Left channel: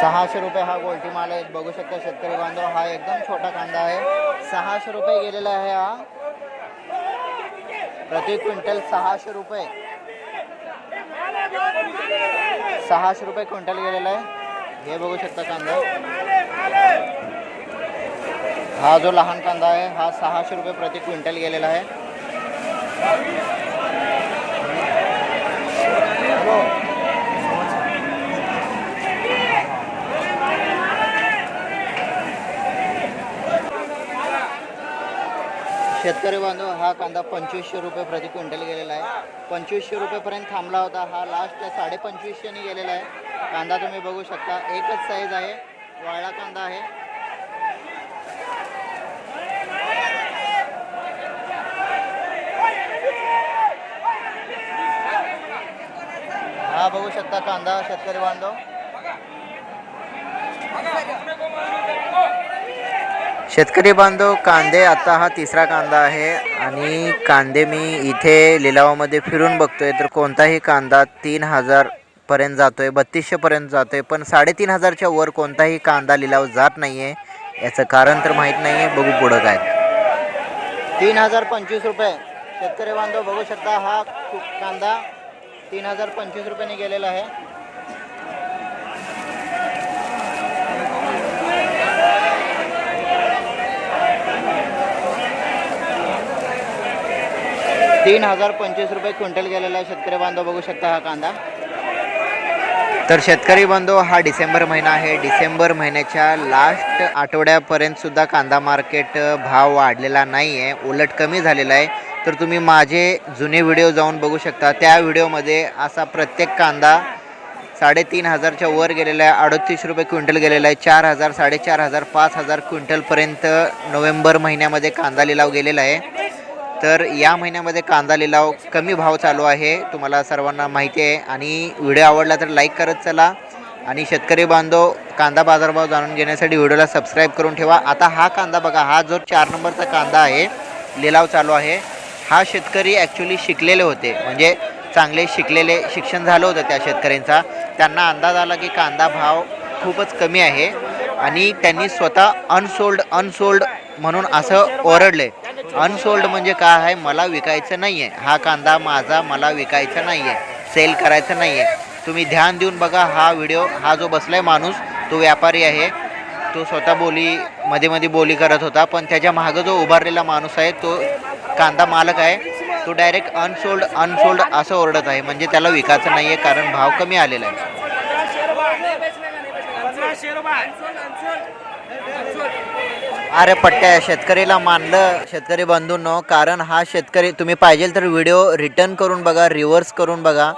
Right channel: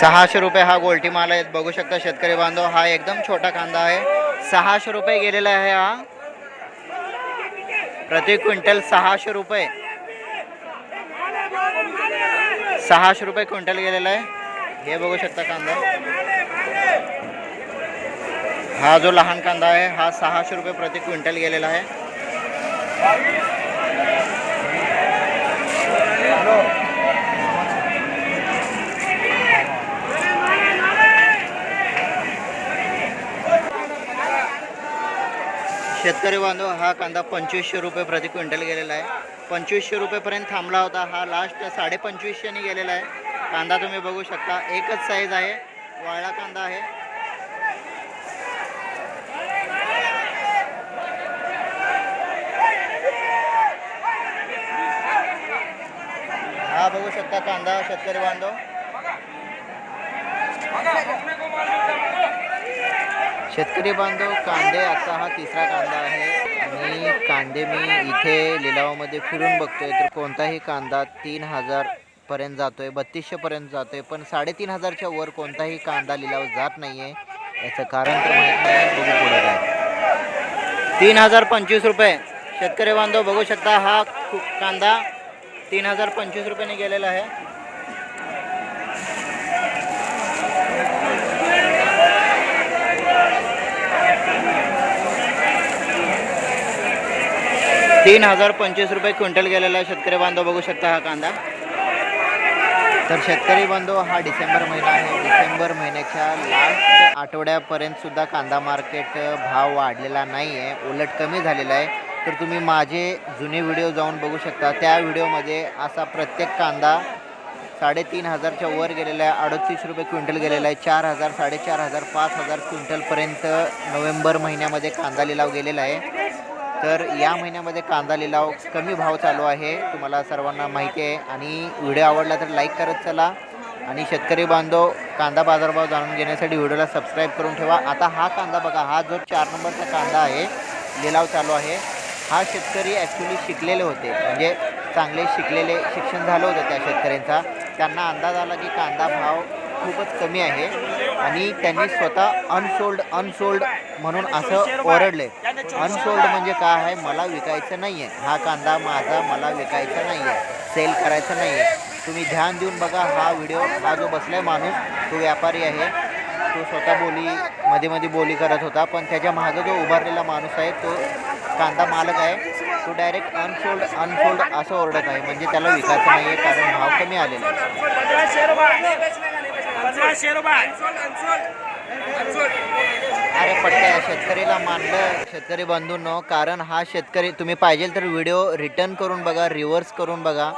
सहाशे रुपये हा गोल्टी माल आहे बघू शकता शेतकरी बांधव, हा एकदम छोटा कांदा आहे. सहाशे रुपये गेलेला आहे हा. प्रति क्विंटल सहाशे रुपये. सहाशे रुपये क्विंटल गेलेला आहे. हे शकता कांदा. हा जो लहान कांदा आहे, हा सहाशे रुपये प्रति क्विंटल गेलेला आहे. शेतकरी बांधव हा कांदा पंचवीसशे रुपये प्रति क्विंटल गेलेला आहे. पंचवीसशे रुपयेपर्यंत थांबला होता. हा लास्ट साडे पंचवीसशेने गेलेला आहे. कांदा तुम्ही बघू शकता एकच साईज आहे. वाळा कांदा आहे. हा बघू शकता कांदा शेतकरी बांधव. शेतकरी बांधव कांदे आता हा तिसरा कांदा आहे. आणि कांदे मी इथे लिलावामध्ये फिरून बघतोय. तर कोणताही कांदा तीन हजार पर्यंत जातोय बत्तीसशे पर्यंत जातोय पण साडेतीन हजारच्या वर कोणताही कांदा लिलाव जात नाहीये. याचं कारण तर माहीत नाही बघू पुढं काय. तीन हजार पंचवीस रुपये. शेतकरी बांधव बघू शकता हा कांदा तीन हजार पंचवीस रुपयाने गेलेला आहे. तीन हजार पंचवीस रुपये क्विंटल गेलेला शेतकरी बांधव बघू शकता हा कांदा. तर शेतकरी बांधव हा डिसेंबर महिना आहे. डिसेंबर महिन्याच्या लास्ट आठवड्यापर्यंत सुद्धा कांदा मार्केट भाव वाढलेला नाही आहे उलट कमी झालेला आहे. तर तुम्ही माझे जुने व्हिडिओ जाऊन बघू शकता. त्या व्हिडिओमध्ये असा प्रत्येक कांदा साडेतीन हजारच्या वर गेलेला आहे. अडतीस रुपये क्विंटल गेलेला आहे. चार हजार साडेचार हजार पाच हजार क्विंटलपर्यंत नोव्हेंबर महिन्यामध्ये कांदा लिलाव गेलेला आहे. तर या महिन्यामध्ये कांदा लिलाव कमी भाव चालू आहे. तुम्हाला सर्वांना माहिती आहे. आणि व्हिडिओ आवडला तर लाईक करत चला. आणि शेतकरी बांधव कांदा बाजारभाव जाणून घेण्यासाठी व्हिडिओला सबस्क्राईब करून ठेवा. आता हा कांदा बघा हा जो चार नंबरचा कांदा आहे लिलाव चालू आहे. हा शेतकरी ॲक्च्युली शिकलेले होते. म्हणजे चांगले शिकलेले शिक्षण झालं होतं त्या शेतकऱ्यांचा. त्यांना अंदाज आला की कांदा भाव खूपच कमी आहे. आणि त्यांनी स्वतः अनसोल्ड अनसोल्ड म्हणून असं ओरडले. अनसोल्ड म्हणजे काय आहे? मला विकायचं नाही आहे हा कांदा माझा मला विकायचा नाही आहे सेल करायचा नाही आहे तुम्ही ध्यान देऊन बघा हा व्हिडिओ हा जो बसलाय माणूस तो व्यापारी आहे. तो स्वतः बोली मध्ये मध्ये बोली करत होता पण त्याच्या मागं जो उभारलेला माणूस आहे तो कांदा मालक आहे. तो डायरेक्ट अनसोल्ड अनसोल्ड असं ओरडत आहे. म्हणजे त्याला विकायचं नाही आहे कारण भाव कमी आलेला आहे. अरे पट्ट्या शेतकरीला मानलं. शेतकरी बंधूंनो कारण हा शेतकरी तुम्ही पाहिजे तर व्हिडिओ रिटर्न करून बघा रिव्हर्स करून बघा.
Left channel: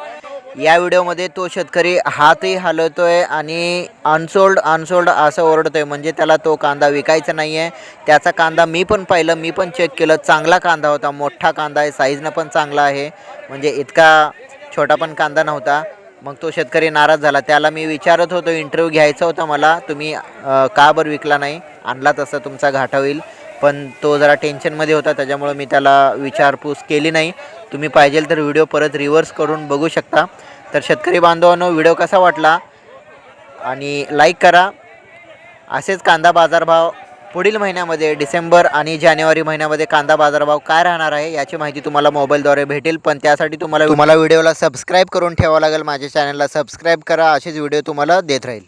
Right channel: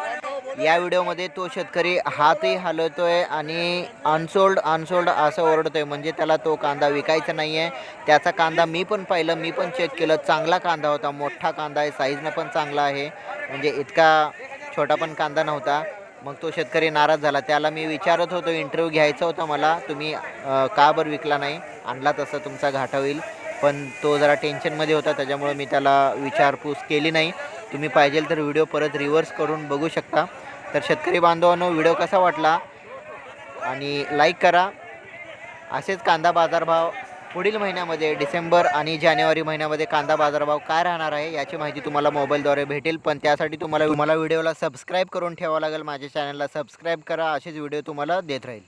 या व्हिडिओमध्ये तो शेतकरी हातही हलवतोय आणि अनसोल्ड अनसोल्ड असं ओरडतोय. म्हणजे त्याला तो कांदा विकायचा नाही आहे त्याचा कांदा मी पण पाहिलं मी पण चेक केलं. चांगला कांदा होता मोठा कांदा आहे साईजनं पण चांगला आहे. म्हणजे इतका छोटा पण कांदा नव्हता. मग तो शेतकरी नाराज झाला. त्याला मी विचारत होतो इंटरव्ह्यू घ्यायचा होता मला. तुम्ही अ, का बरं विकला नाही? आणला तसा तुमचा घाटा होईल. पण तो जरा टेन्शनमध्ये होता त्याच्यामुळं मी त्याला विचारपूस केली नाही. तुम्ही पाहिजे तर व्हिडिओ परत रिव्हर्स करून बघू शकता. तर शेतकरी बांधवांनो व्हिडिओ कसा वाटला? आणि लाईक करा. असेच कांदा बाजारभाव पुढील महिन्यामध्ये डिसेंबर आणि जानेवारी महिन्यामध्ये कांदा बाजारभाव काय राहणार आहे याची माहिती तुम्हाला मोबाईलद्वारे भेटेल पण त्यासाठी तुम्हाला तुम्हाला व्हिडिओला सबस्क्राईब करून ठेवावं लागेल माझ्या चॅनलला सबस्क्राईब करा असेच व्हिडिओ तुम्हाला देत राहील.